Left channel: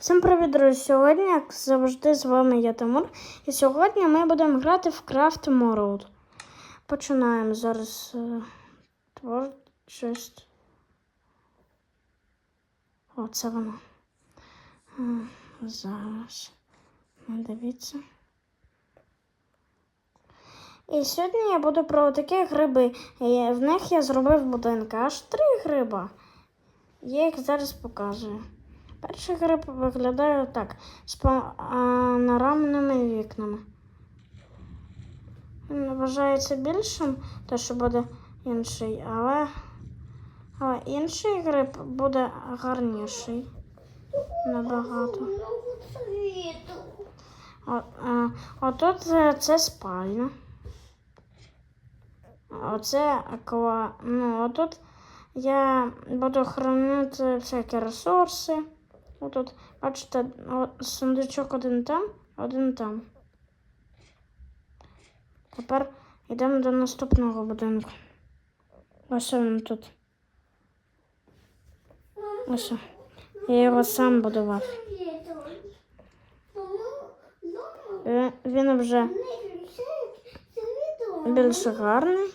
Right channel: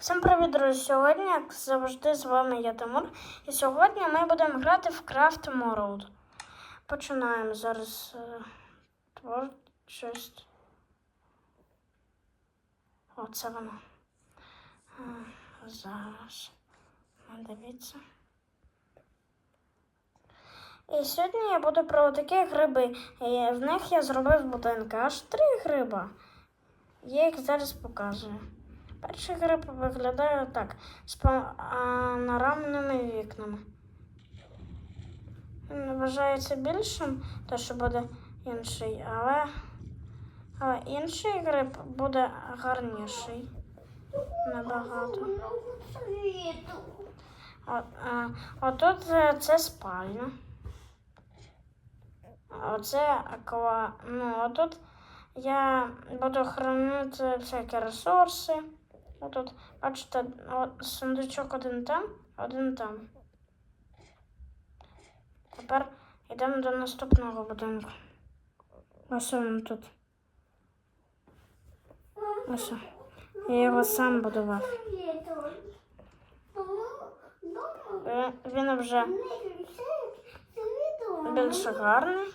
Всім привіт, друзі! Сьогодні, як завжди, з вами я Тимур. І сьогодні ми будемо грати в Craft World. Починаємо зараз е, творчість. Оце воно. Е, Зараз. Дивіться. І сьогодні я буду про такі гриби. Е, В них я зробив будинки. Аж три гриба. Я їх зараз показую. Перший гриб виглядає так, з панорамними вікнами. Він вважається більшим, то що буде інший, але, але інший гриб буде гарніший. Набагато. Отут е, це спальня. Оце аква. Ну, отут я буду хранити всякі ресурси. Отут, бачите, о, сундучок один там, один там. Тепер йдемо до наступного будинку. Ось він тут. Ось. Я його сам будував. Він вже більш гарний.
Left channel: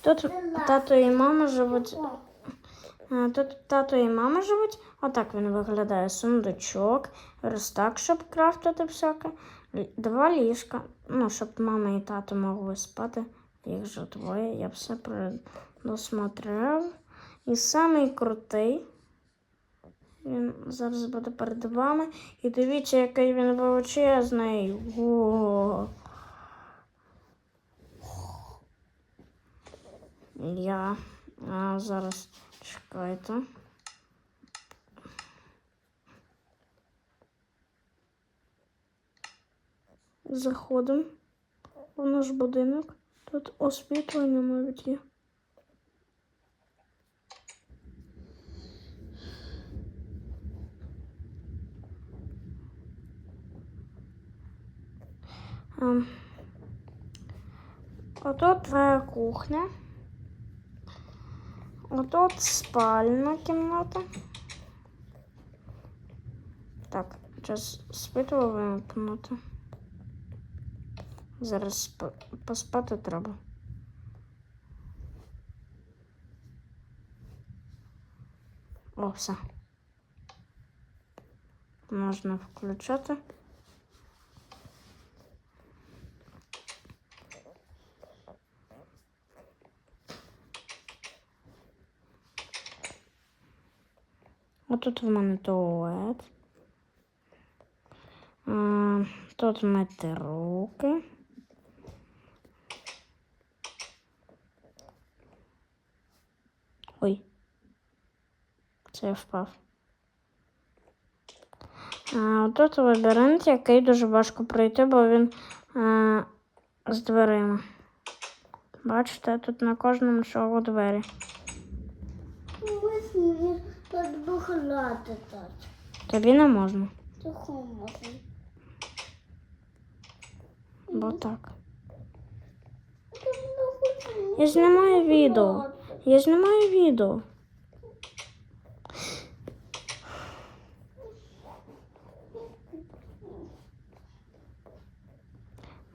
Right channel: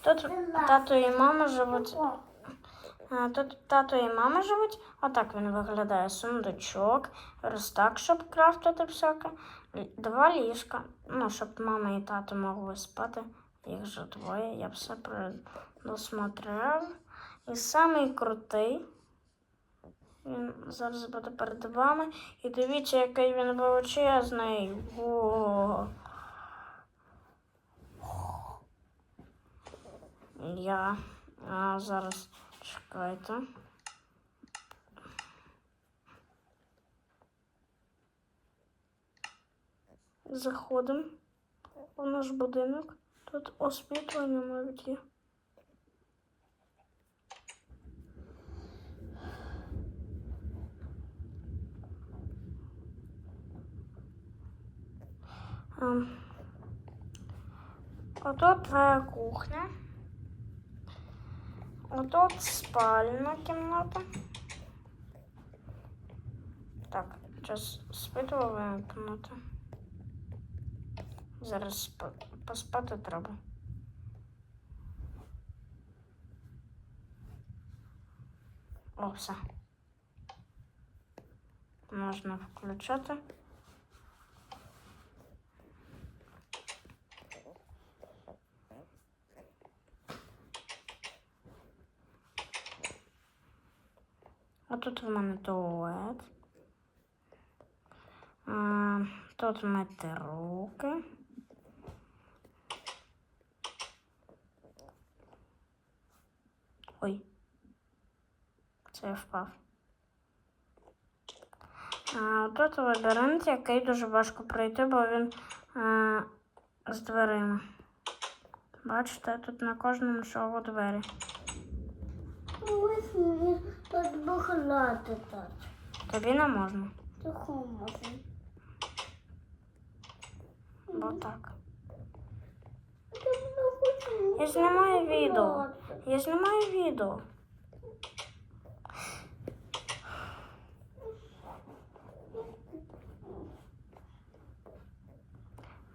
Тут тато і мама живуть. Тут тато і мама живуть. Отак він виглядає. Сундучок, верстак, щоб крафтити всяке. Два ліжка. Ну, щоб мама і тато могли спати. Їх же двоє. Я все предусмотрев. І самий крутий. Він зараз буде перед вами. І дивіться, який він величезний. Во. Я а, зараз чекайте. Заходимо в наш будинок. Тут освітлення навіть є. Ем, Отут твоя кухня. Отут спальна кімната. Так, зараз світло вимкнути. Зараз спа- поспати треба. О, все. Можна включати. А тут в мене туалет. Тут мити руки. Ой. Це я впав. А, тут лабіринт, який дуже важко пройти, бо він е, з дверима. Бачите, тут на кожному шагу двері. Тобі не можна, бо так. Я не Я знімаю відео. Я знімаю відео.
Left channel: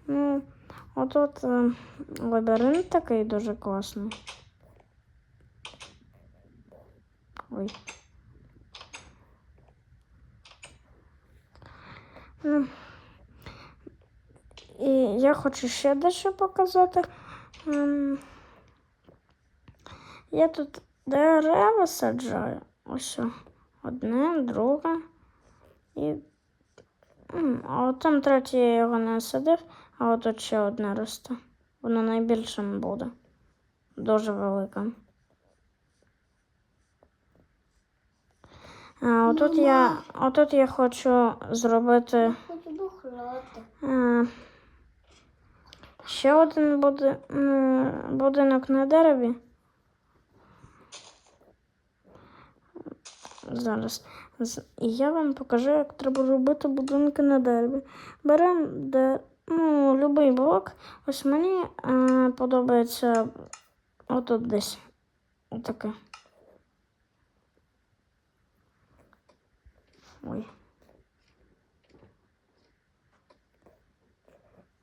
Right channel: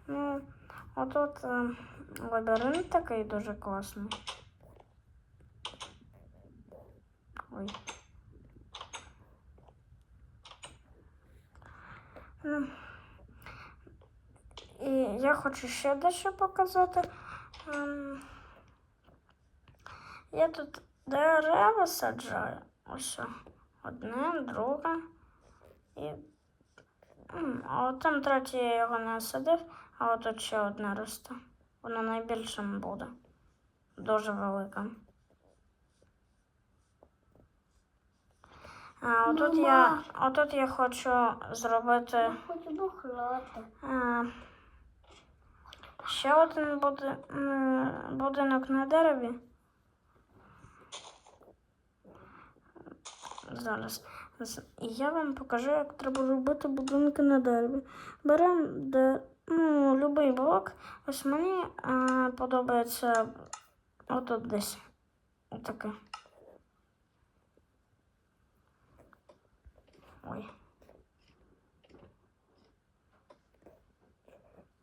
Ну, отут е, лабіринт такий дуже класний. Ой. Ну, і я хочу ще дещо показати. Я тут дерева саджаю. Ось одне, друге. І. А от там третє я його не садив, а от тут ще одне росте. Воно найбільшим буде. Дуже великим. А отут я, отут я хочу зробити хочу бухлати. е, ще один буде, будинок на дереві. зараз. І я вам покажу, як треба робити будинки на дереві. Беремо де, ну, будь-який блок. Ось мені е, подобається отут десь. Отаке. Ой.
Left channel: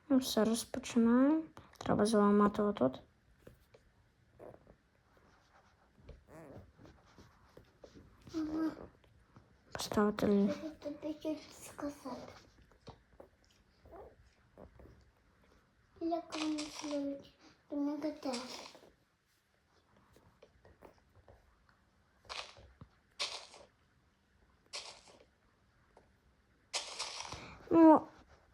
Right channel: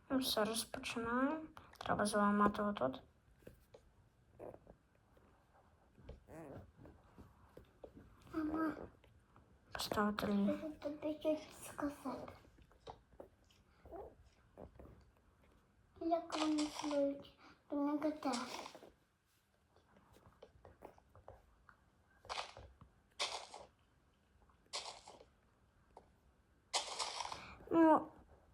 Ну все, розпочинаємо. Треба зламати отут. Катаєш. Ну,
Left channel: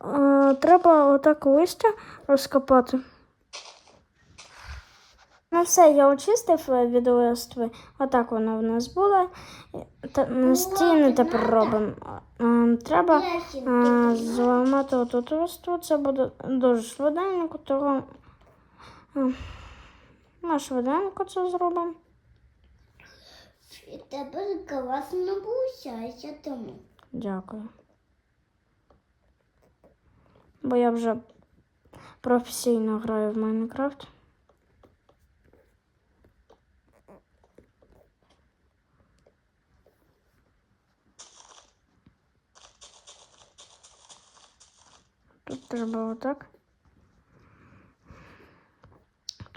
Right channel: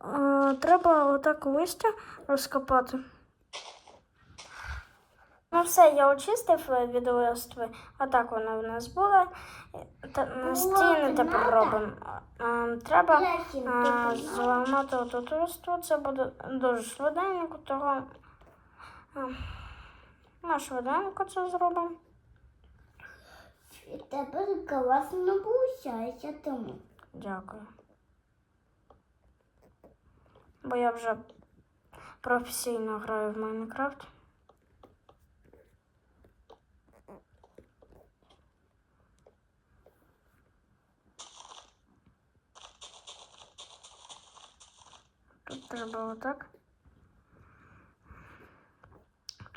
е, треба отак листя розкопати. Ну все, я очистив е, від листви. Отак воно в нас було. Стіни тепер робимо. Треба зламати отут листву. Це буде дуже швиденько, тому м, на швиденько це зробимо. І тебе класно получається тому. Дякую. Бо я вже професійно граю в Майнкрафт. Тут треба отак.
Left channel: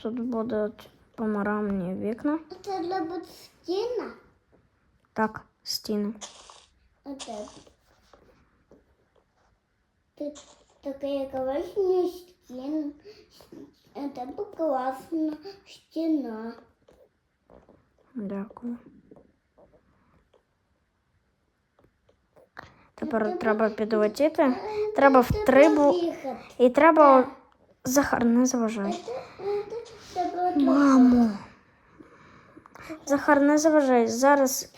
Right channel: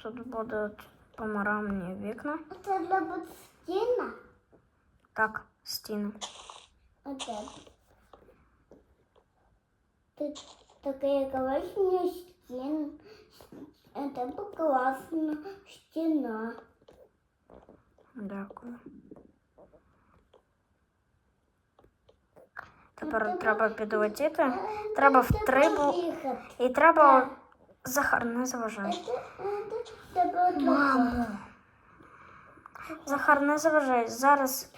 Тут будуть панорамні вікна. А це для буде стіна? Так, стіни. Опять. Ты такая классная стена. Это классная стена. Дякую. Треба підлетіти. Треба в три бу... Выход. І треба. Захар, не заважай. Мамо. Захар, не заважай. Зараз.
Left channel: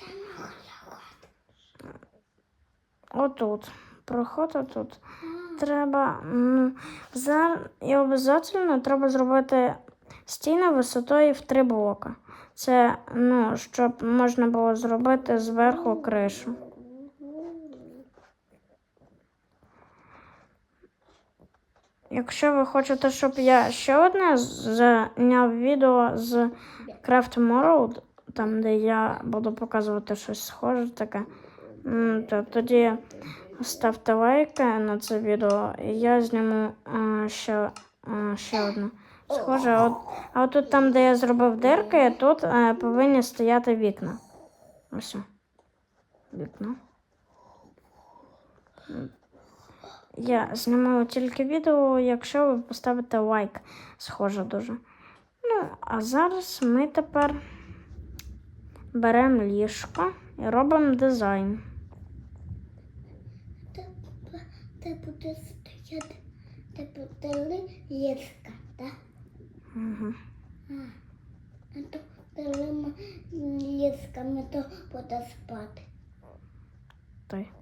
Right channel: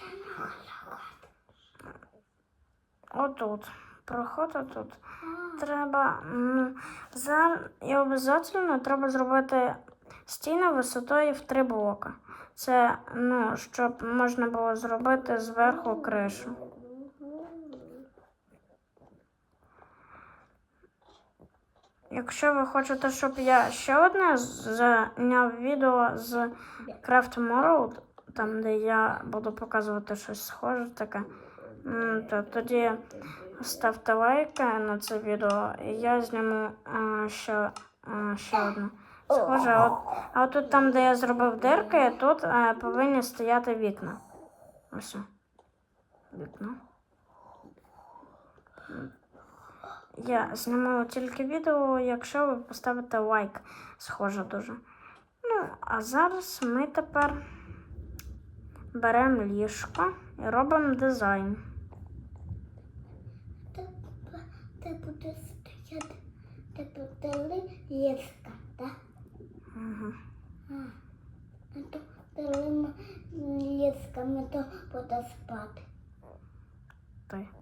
Отут. Проход отут. Треба. За... І обов'язково треба зробити стіни висотою в три блока. Це, ну, щоб можна було зробити зверху кришу. Якщо ви хочете, щоб я ще одне зняв відео з Craft World, там, де я буду показувати щось схоже таке, то тоді ставте лайки на це відео, і я зніму е, ще, е, ще одне схоже. От, а от тут там, де я зробив дирки, тут е, повинні стояти вікна. Ось. Вікна. Я знімала тільки відео, якщо ви поставите лайк. Схоже дуже. Ну, а зараз ми тепер беремо ліжко і робимо дизайн. Будешь стоять, ты будешь леска, да? Угу. А, то коли лесками, то буде спати. Той.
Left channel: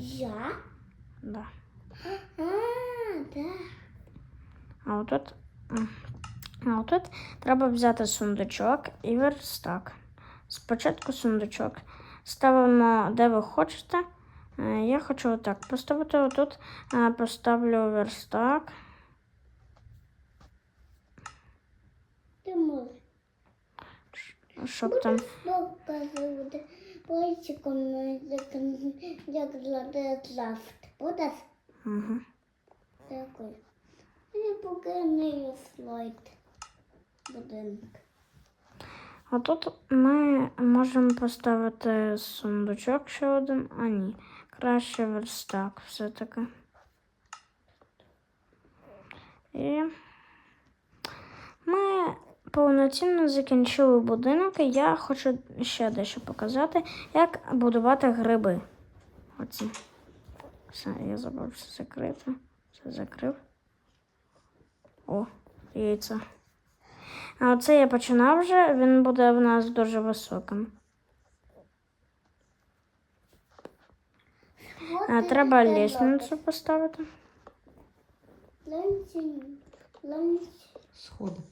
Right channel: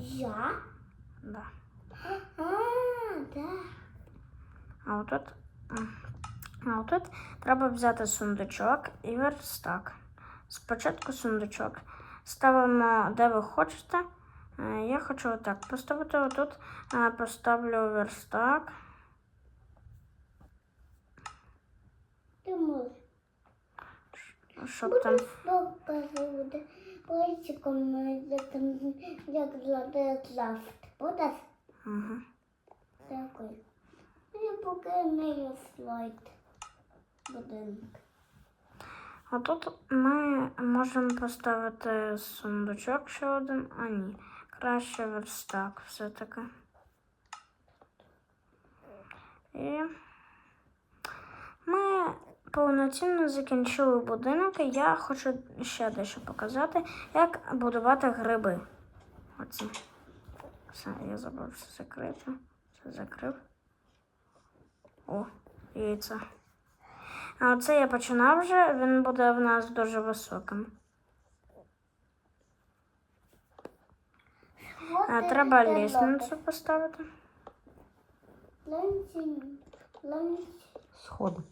Я? Да. А, да. А отут, а отут треба взяти сундучок і верстак. Спочатку сундучок. Ставимо, де ви хочете. Я хочу отак поставити. Отут поставлю верстак. Щоб там. Пальчиком, як, як зладе завжди. Будеш? Угу. Дякую. Я поки не слайд будинок. А тут ми можемо поставити сундучок ще один, а ні. Краще верстак все-таки. І повноцінно закінчили будинок, і я хочу ще дещо показати, як будувати гриби. Оці. Все, я забув все закрити. Все закрив. О, яйця. А оце я починав вже, він буде в нас дуже високим. А, треба лісницю поставити. Сходи.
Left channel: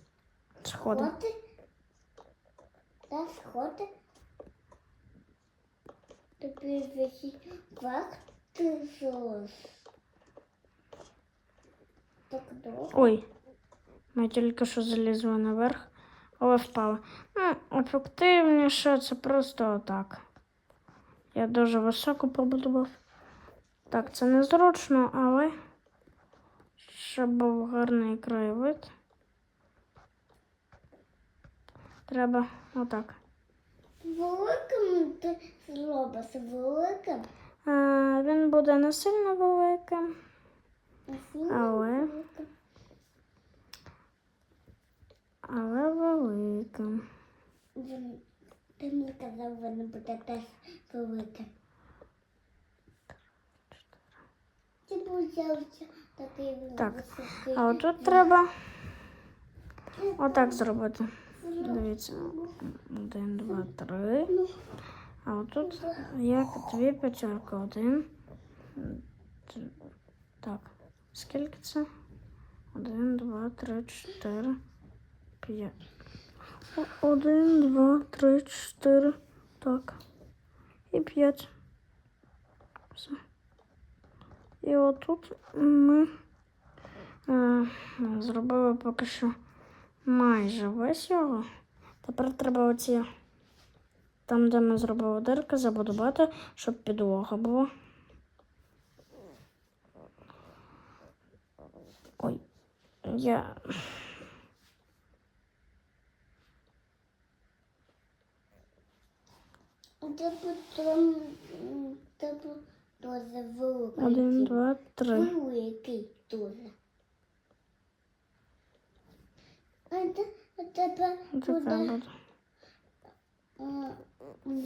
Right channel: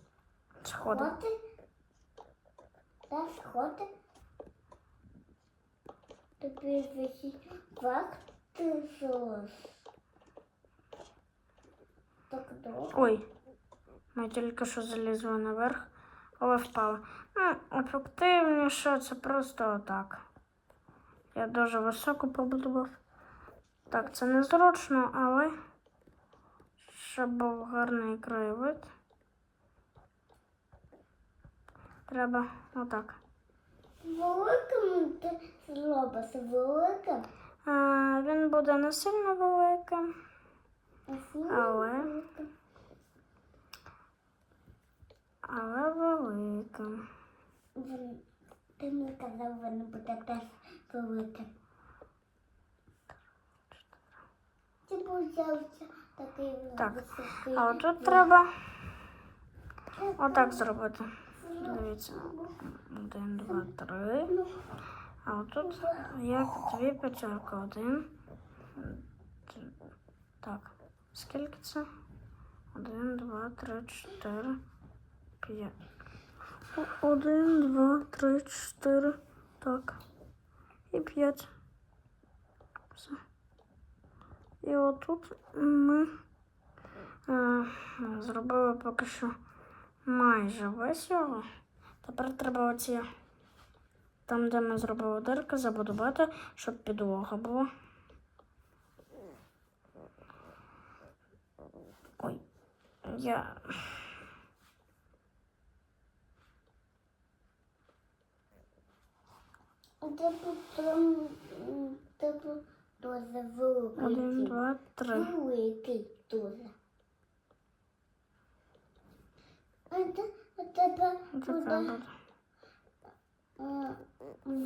Сходи. Да, сходи. Тобі висі вахти золос. Так довго. Ой, ми тільки що залізли наверх, але впали. Ну, ефективніше це просто отак. Я дуже високо побудував. Так, це незручно, але щоб був гарний краєвид. Треба отак. Великим ти зробиш, великим. А, він буде не сильно великим, Але? Але великим. Ти мені казав, він буде теж великим. Ти взявся такий Так. А отут треба отак зробити. Дивіться. Один, два, три. А отут як дві п'ятерки. Один. Так. Скільки це? Один, два, три, чотири, п'ять. Один, два, три, чотири. Так. І п'ять. Все. І отут ми е, зробили поки що майже весь його. Тепер треба оці, там, де ми зробили дирки, забудувати, щоб підлога була. Ой, я. Один, два, три. Великий дуже. А те- а тебе Така буде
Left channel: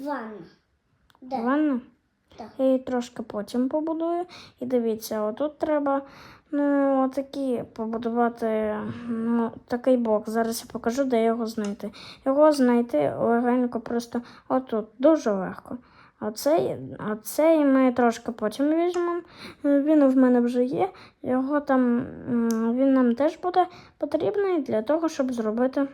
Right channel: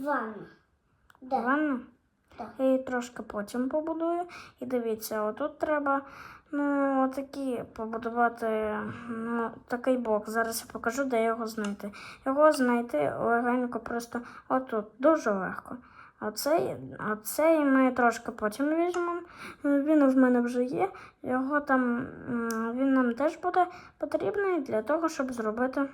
ванна. Ванна. Я її трошки потім побудую. І дивіться, отут треба ну, отакі побудувати ну, такий блок. Зараз я покажу, де його знайти. Його знайти легенько просто отут. Дуже легко. Оцей, оцей ми трошки потім візьмемо. Він в мене вже є. Його там він нам теж буде потрібний для того, щоб зробити.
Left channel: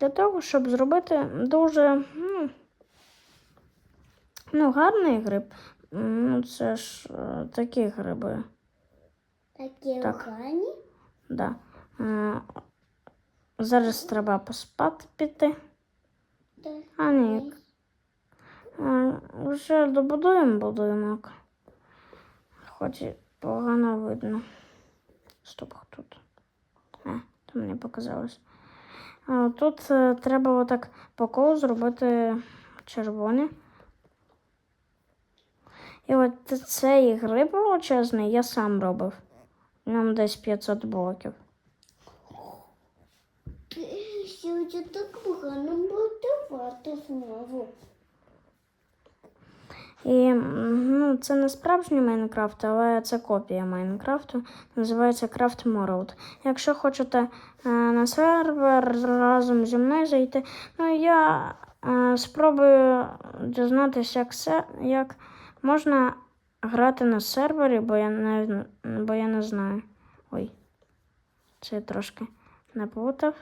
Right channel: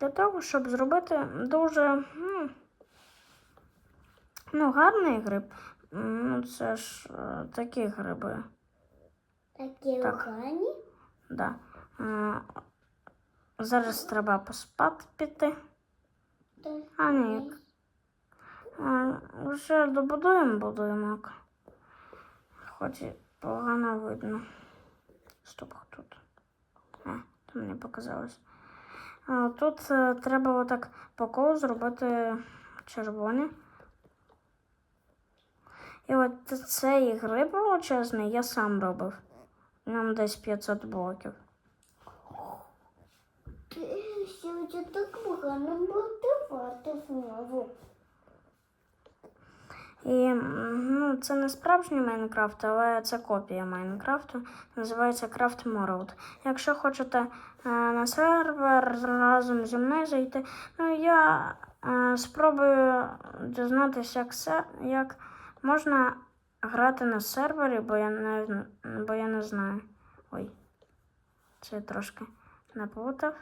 Для того, щоб зробити дуже ну, ну, гарний гриб. Ну, це ж е, такі гриби. Такі Так. Да. Зараз треба поспати піти. А ні. Вже добудуємо будинок. Хоч і погано видно. Стоп, тут. Е, то мені показалось. Тут е, треба отак по колу зробити червоні. І от цей гриб величезний я сам робив. Нам десь 500 блоків. Ти сьогодні так погано будувати знову. І ну, це не справжній Майнкрафт, але це копія Майнкрафту. Називається Craft World. Якщо хочете е, на сервер разом зі мною зайти, ну я е, спробую дізнатися, як, як можна грати на сервері, бо я не, бо я не знаю. Ой, це я трошки наплутав.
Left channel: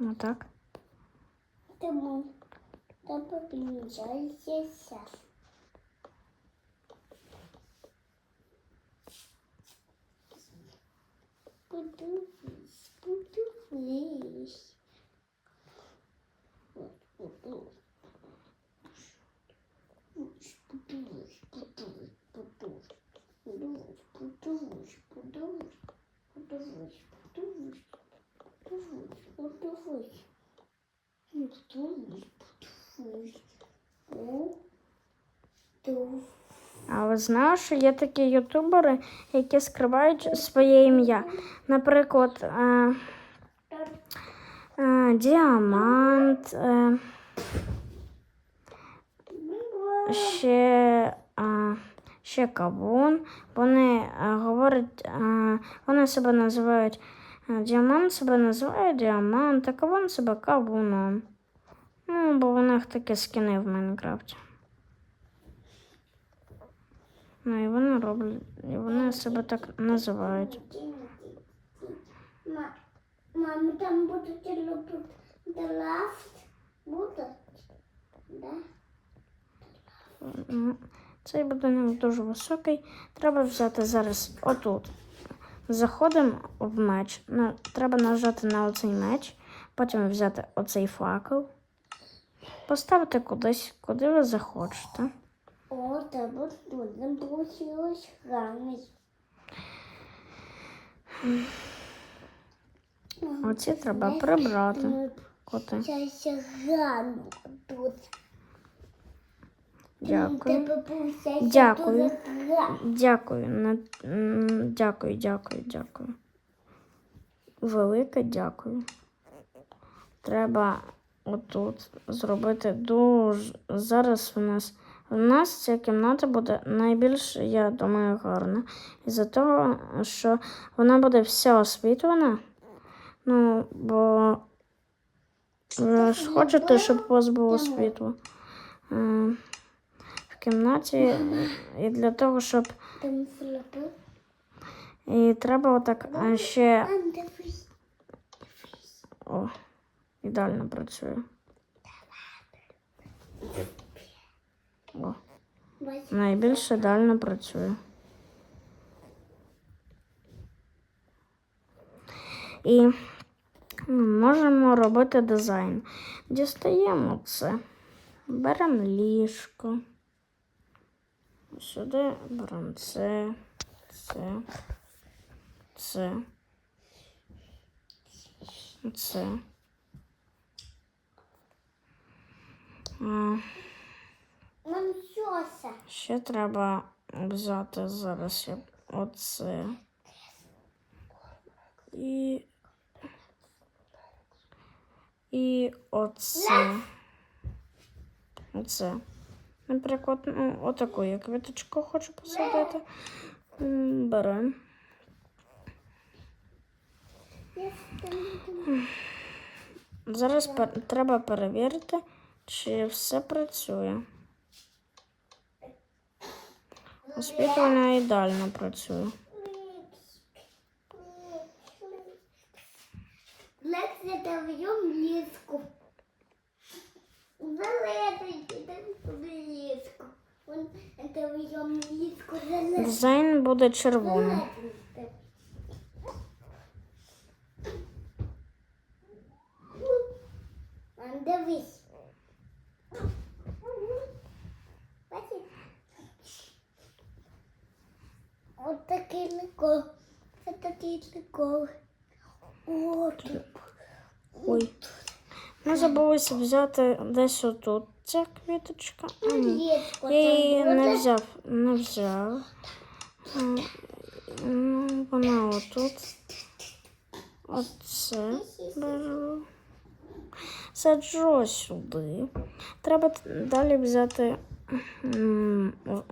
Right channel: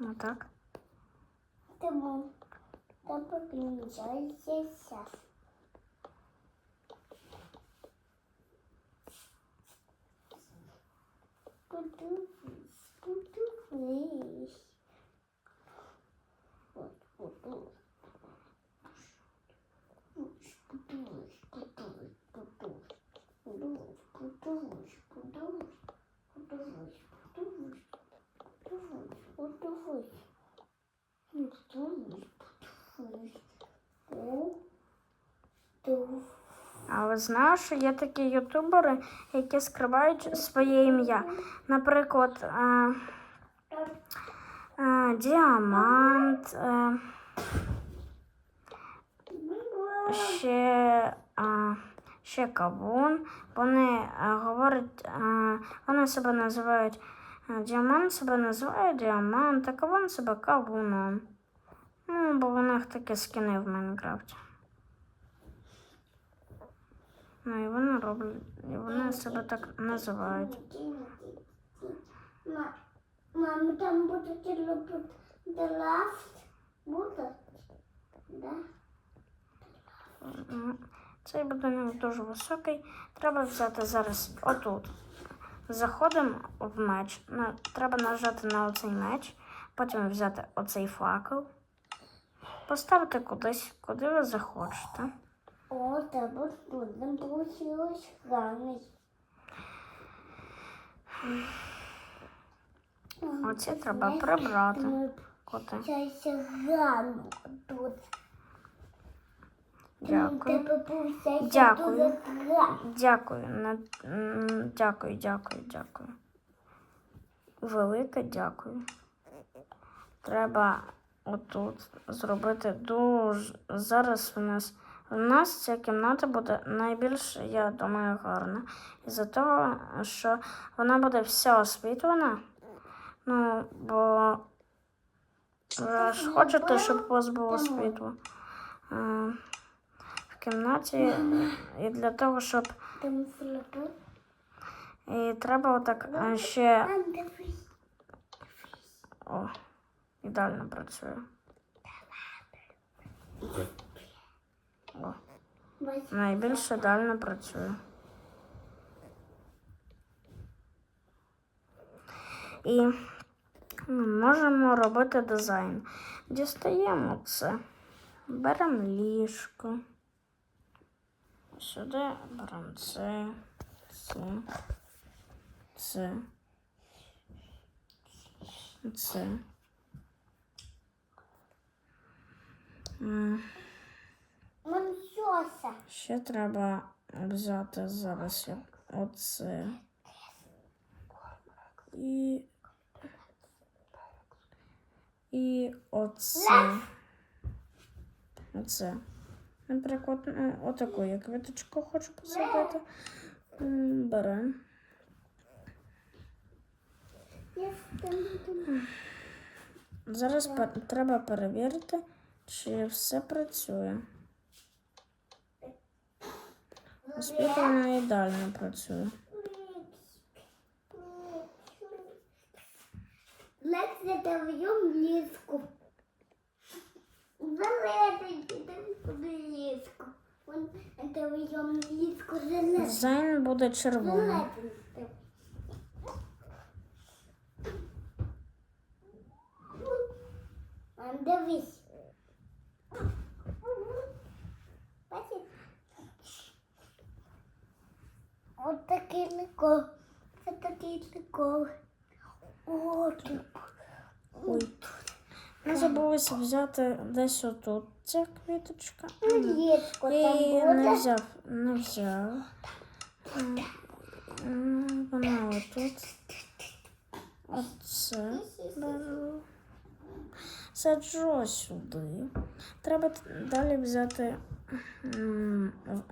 Ну так. Тому допомінчається. Подивись, подивись. То А ви знали, що є такі ютубери, які скривають своє ім'я. Наприклад, е, е, Діамант, е, ще, е, ще Кавун. Вони е, говорять, е, вони себе називають Діамант себе називає Діамант, а Кавун себе Кавуном. Ну, бо в них такі скини в Майнкрафті. Ну і вони роблять, і вони себе так називають. Ма- Мама, там будуть робити лафт? Будуть? Да? Цей будинок дуже високий. Треба взяти зараз отут. Заходимо в меч. Ну, треба нажати на оцей меч, потім взяти оцей факел. поставте кудись, куди ви захочете. О, треба нам получилось. Оці треба прибрати. Коти. тут. Дякую. Дякую. Дякую. Дякую, дякую, дякую. Велике дякую. Треба отут зробити дуже. Зараз у нас. У нас ця кімната буде найбільш, я думаю, гарна. Із-за того, що вона буде вся освітлена. Ну, бо ви ж хочете, щоб у вас було світло. Кімнаті і для того, щоб і треба отак ще. О, ідеально працює. О, найбільш ідеально працює. І можемо робити дизайн. Дістаємо це. Беремо ліжко. Сюди беремо це, це, це. Це. Ще треба взяти зараз оце. І. І оце. Оце. Наприклад, отаку я квіточку хочу посадити. Беремо. Зараз пер- треба перевірити, чи все працює. Освітлення ідеально працює. Лекція даємо ліску. Велетенький ліску. Вон даємо ліску зелену. Дизайн буде червоний. Велетенький. Вон, Дивись. Бачиш? От такий прикол. Це такий прикол. О, тут. Ой. Ми забулися взяти десь отут ця квіточка. М, Я її не взяв, не взяв. Ну, вона отут. Оце беру. Саджу сюди. Треба далі взяти.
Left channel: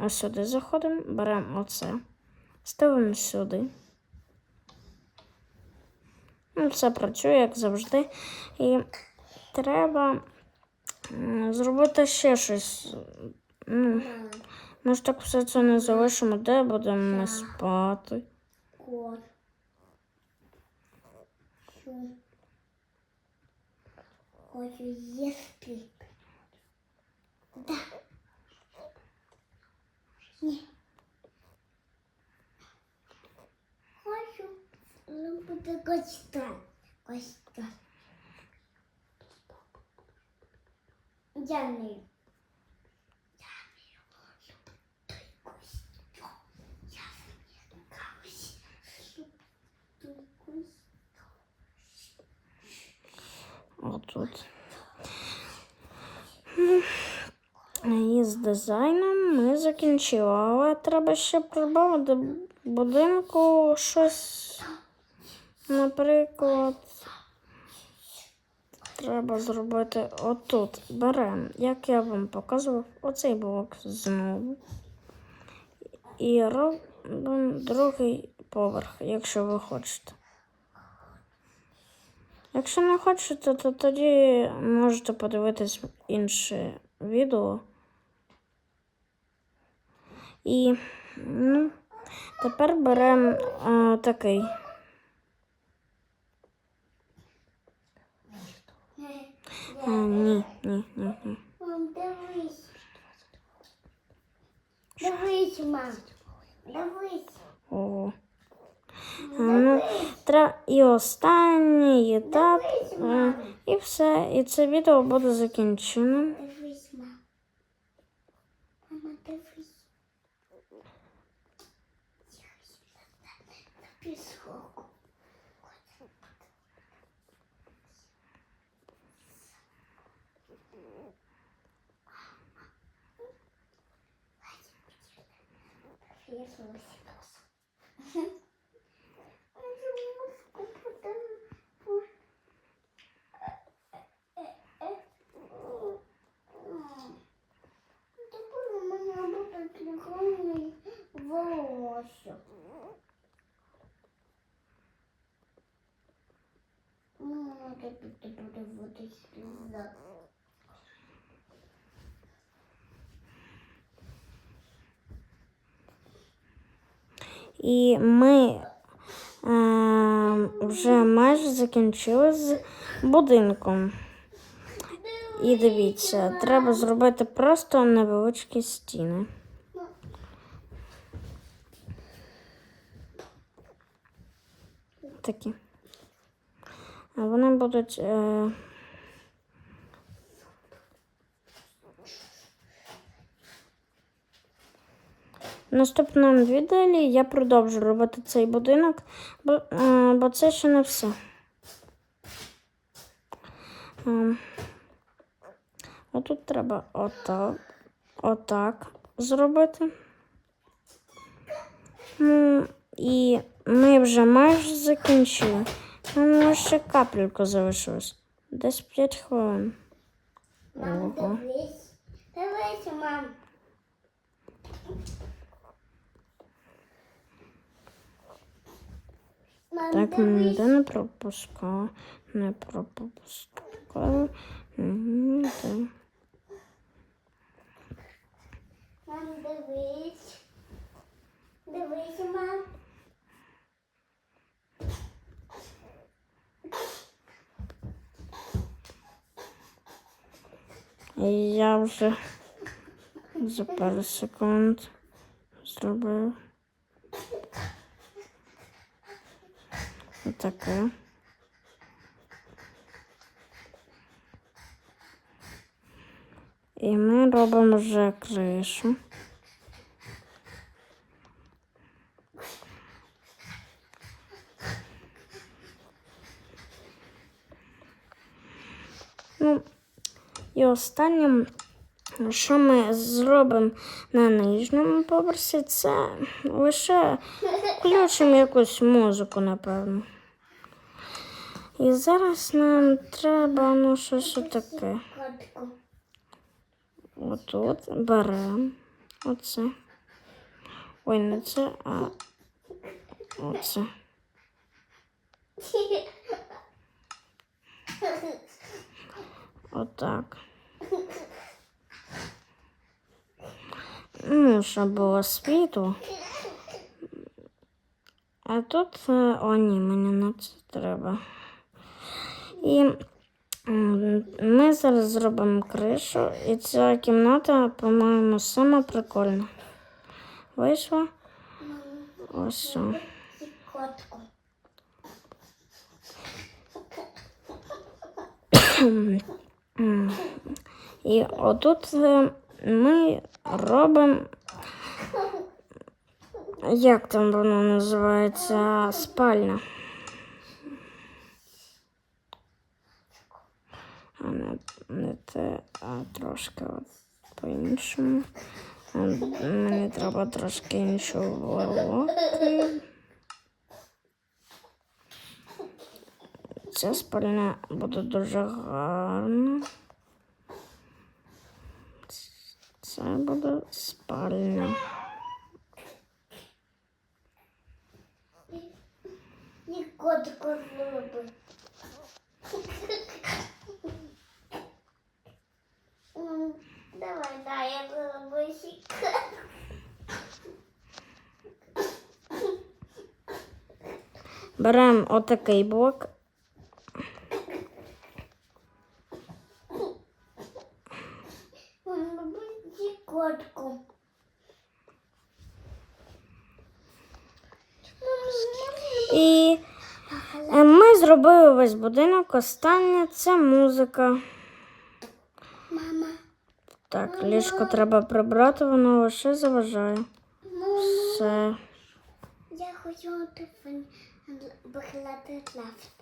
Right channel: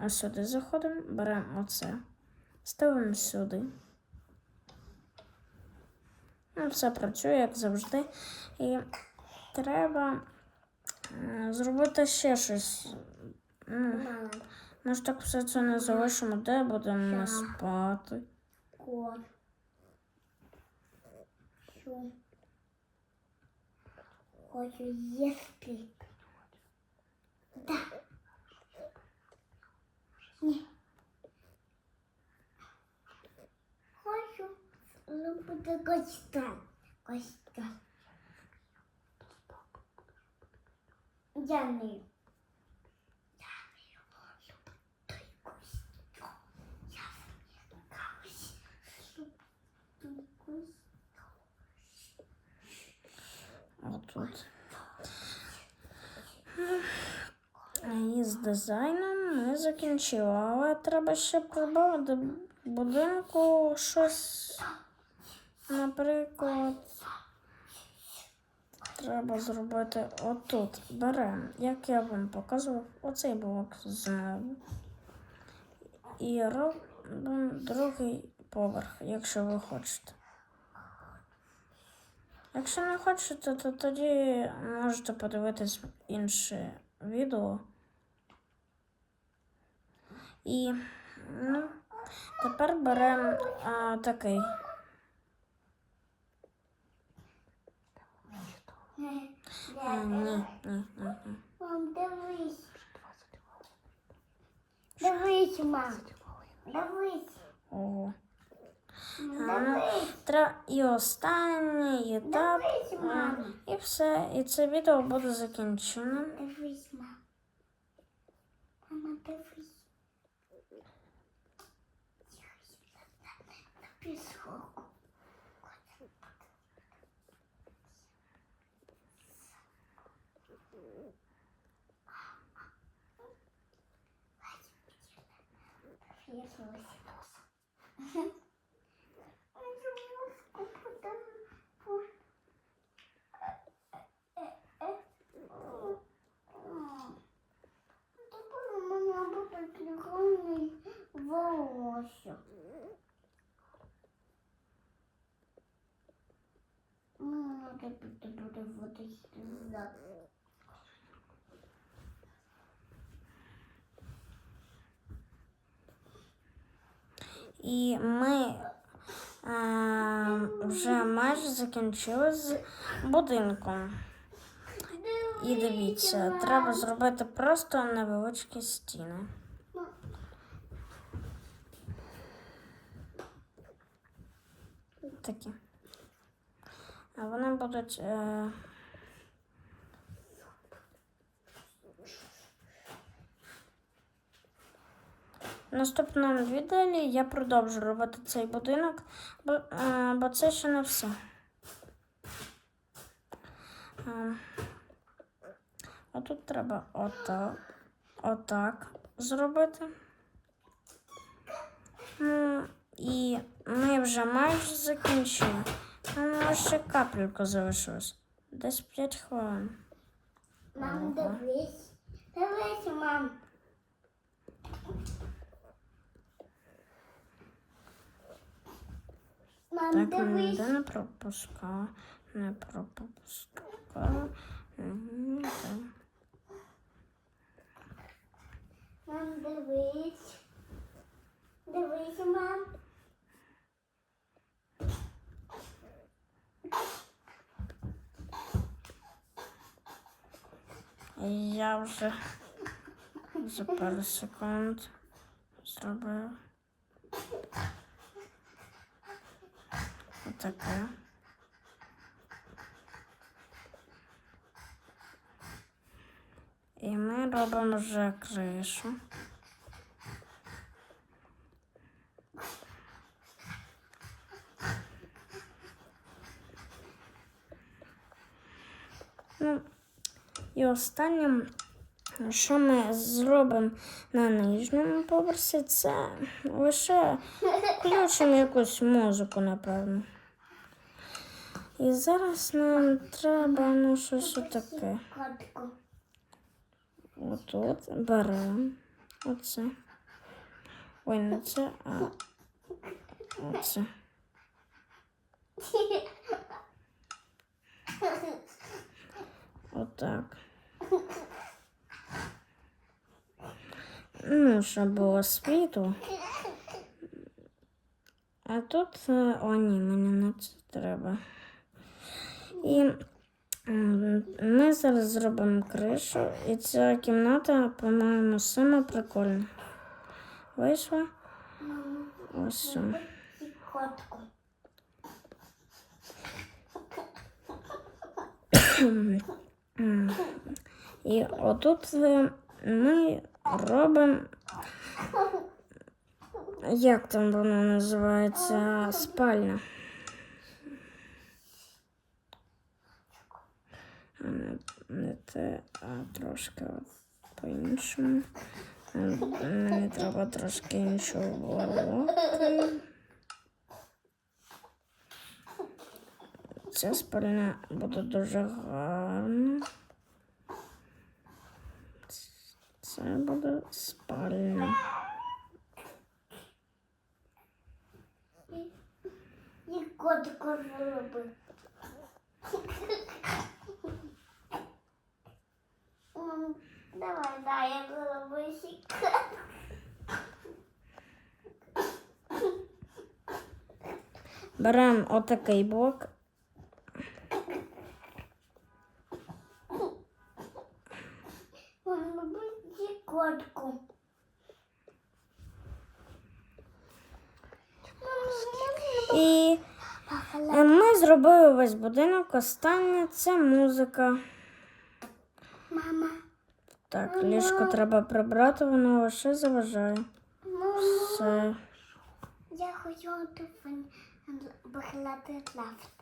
Ось сюди заходимо, беремо оце. Ставимо сюди. Ну, Все працює, як завжди. І треба зробити ще щось. Ми ж так все це не залишимо, де будемо спати. Хочу їсти. Ні. Хочу. Ну, буде костян. Костян. Я не. Отут. І з дизайном ми закінчили, але треба ще прибавити будинку щось. Наприклад, треба зробити отут. Беремо, як я вам показував, оцей блок знову. І робимо другий поверх, якщо ви хочете. Якщо не хочете, то тоді можете подивитись інше відео. І ну, тепер беремо такий. А, ні, ні, ні, ні. Мам, дивись. Дивись, мам. Дивись. О. Ну, тра... І останній етап. Дивись, мам. і І все. І це відео буде закінчено. Дивись, мама. Мама, дивись. Пісок. Волосся. Мама, ти буде води сльоза. І ми е, вже майже закінчили з будинком. І дивіться, треба зробити просто невеличкі стіни. Такі. Вони будуть. Е... В наступному відео я продовжу робити цей будинок, бо, е, бо це ще не все. Е, Отут треба отак, отак зробити. І ми вже майже закінчили. Нам ще капельку залишилось. Десь 5 хвилин. Мам, дивись. Дивись, мам. Мам, Так, ніде не пропускаю, не пропускаю. Ніде. Мам, дивись. Дивись, мам. Я вже за пару секунд зробив таке. І ми робимо вже кришу. Ну, і останнім, що ми зробимо на нижньому поверсі, це лише включимо якусь музику, напевно. І зараз нам треба ну, щось таке. Отут беремо оце. Ой, не це, а оце. Отак. Ну, щоб було світло. А тут, е, о, ні, мені не це треба. І ми зараз зробимо кришу, і ця кімната, по-моєму, сама прикольна. Вийшла ось. І отут е, ми робимо, як там воно називається, спальня. Не те, а трошки по-іншому. Мені треба трошки іншого волоки. Ця спальня буде дуже гарна. Це буде спальня. І. Давай, я. Беремо отакий блок. Мама, будь. І е, ми зробили весь будинок. Останнє це музика. Мама, Так, ліжко треба прибрати, воно лише заважає. Все. я хочу викладати лафт.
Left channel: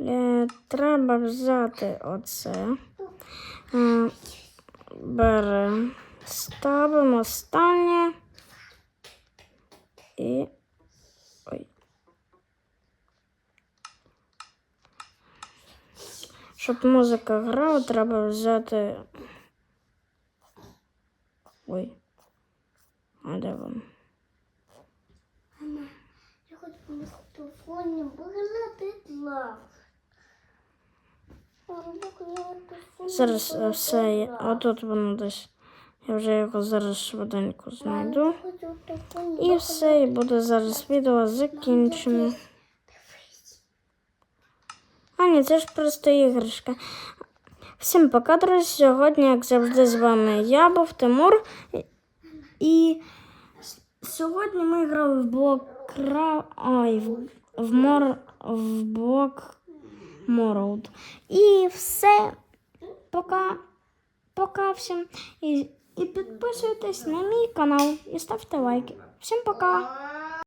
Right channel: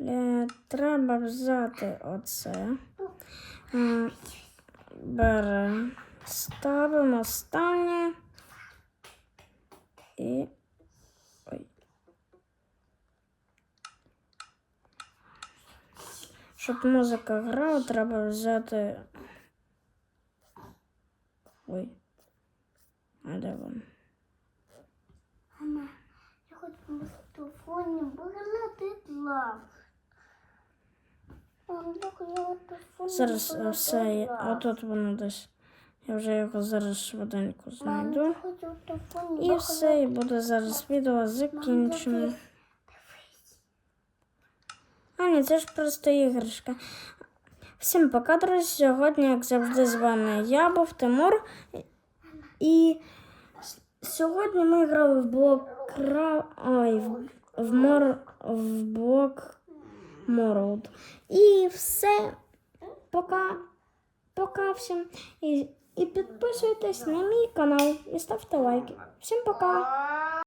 Е, треба взяти оце. Беремо, ставимо останнє. І. Ой. Щоб музика грала, треба взяти. Ой. А де воно? Мама, я хочу на телефоні викладати лафт. Мама, я хочу на телефоні Зараз е, все лафт. Отут воно десь. Я вже його зараз швиденько знайду. І все, і буде зараз відео закінчено. А ні, це ж просто іграшка. Всім пока, друзі. Сьогодні, як завжди, з вами я був Тимур. І сьогодні ми грали в блок Кра... Ой, в, мор... в блок Мороуд. І все. Пока. Пока всім. І, і підписуйтесь на мій канал і ставте лайки. Всім пока!